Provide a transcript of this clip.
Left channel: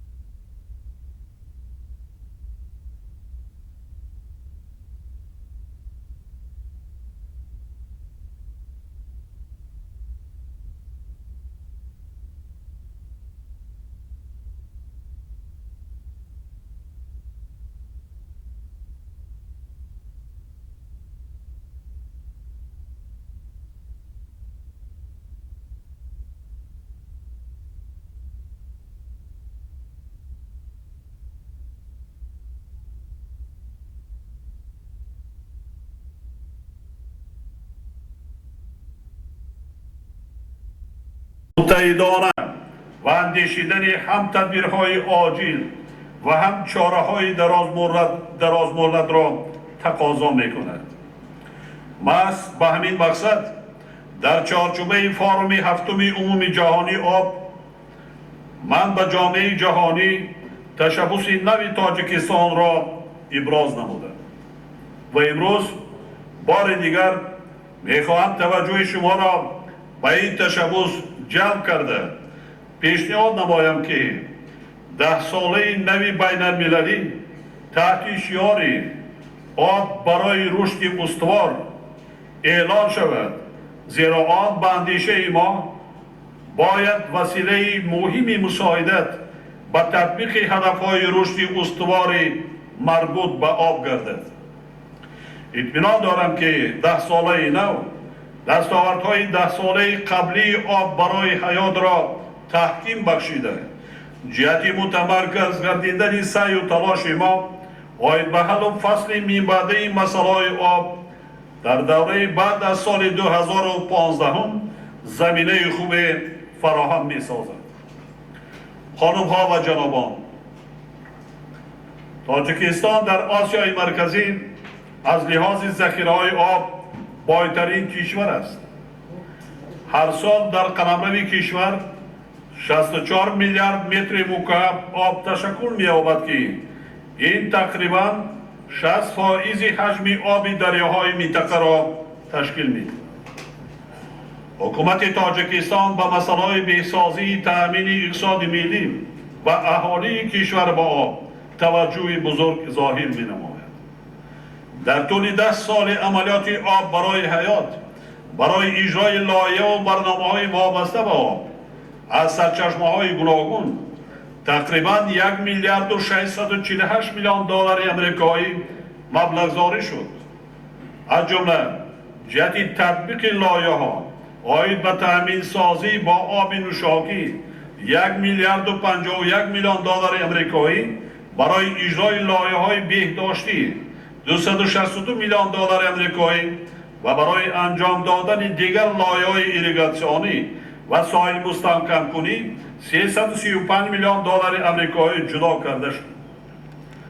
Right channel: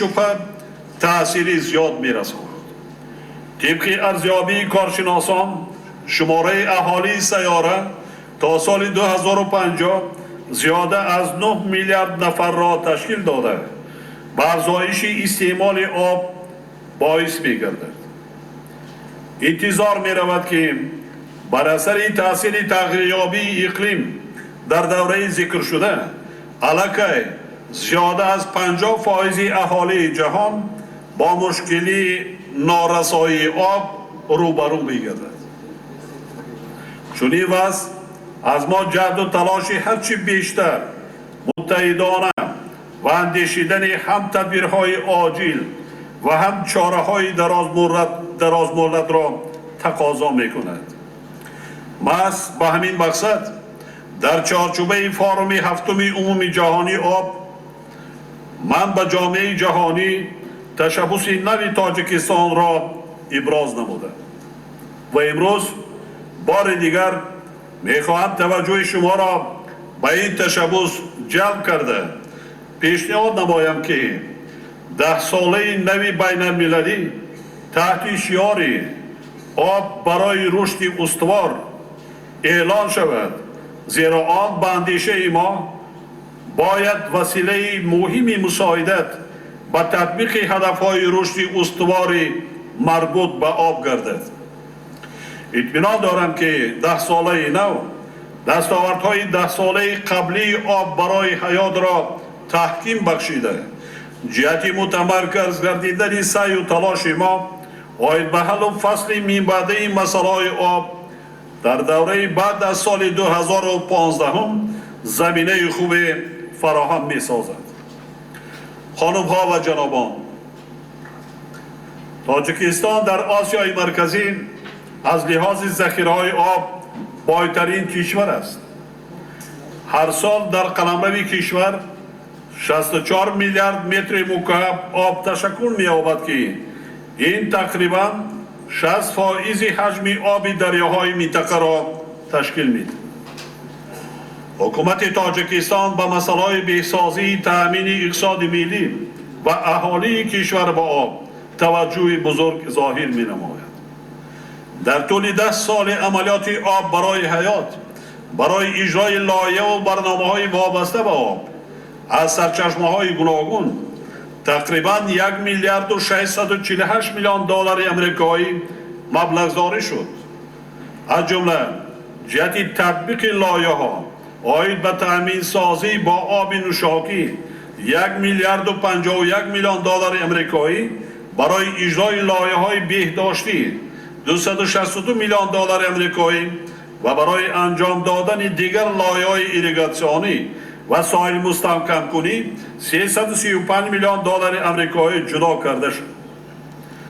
بیشبه تأثیری زیاد می‌رساند. طبق ارزیابی کارشناسان شماره اهالی سیاره تا سال 2050 زیاده از 9 میلیارد نفر را تشکیل داده و افزایش استعمال آب باعث می‌گردد. انتظار می‌رود که بر اثر تأثیر تغییریابی اقلیم در دوره ذکر شده علاقه زیاده از 50% اهالی جهان با مشکلی نارسایی آب روبرو می‌گردد. چنین وضع از ما جهد و تلاش هرچی بیشتر متحدانه و اندیشیدن هم تدبیرهای عاجل و هم چاره‌های دراز مدت را تقاضا می‌کند. محض به همین مقصد در چارچوبه فارم هفتم عمومی جهانی آب من به جامعه جهانی تشبث نو تاجیکستان را ابراز نمودم و امروز بار دیگر میخواهم توجه شما را به این تشبث جلب کرده پیشنهاد نمایم که 10 ساله نوی بین المللی تحت شعار آب برای رشد استوار اعلان شود، زیرا آن به اندیشه ما باید وسیله مهمی مساعدت به تطبیق هدفهای رشد استوار مربوط به آب گردد. اطمینان دارم که 10 ساله نو دستاوردهای 10 ساله قبلی آب برای حیات را تحکیم بخشیده جهت متمرکز گردیدن سعی و تلاش ما آید به حل و فصل میانبرده مسائل آب در دوره بعد از سال 2015 زمینه خوب فراهم می سازد. خانم ها و جنابان، تاجیکستان در آسیای مرکزی از لحاظ ذخیره های آب بالاترین کشور است. هر سال در قلمرو کشور 64 میلیارد متر مکعب آب تشکل می یابد که این تقریبا 60% حجم آب دریاهای منطقه را تشکیل می‌دهد. حکومت تاجیکستان به مسائل بهسازی تأمین اقتصاد ملی و اهالی کشور با آب توجه بزرگ ظاهر می‌نماید. در طول 10 سال عملیات آب برای حیات برای اجرای لایحه و برنامه‌های وابسته به آب از سرچشمه‌های گوناگون تقریبا 1 میلیارد و 648 میلیون دلار آمریکایی مبلغ‌زاری شد. از جمله جهت تطبیق لایحه‌ها آید به تأمین سازی با آب نوشابه 1 میلیارد و 51 میلیون دلار آمریکایی، برای اجرای لایحه‌های بهداشتی 262 میلیون دلار آمریکایی و برای انجام دادن دیگر لایحه‌های ایریگاسیونی و ساحل مستحکم کنی 335 میلیون دلار آمریکایی جدا کرده شد.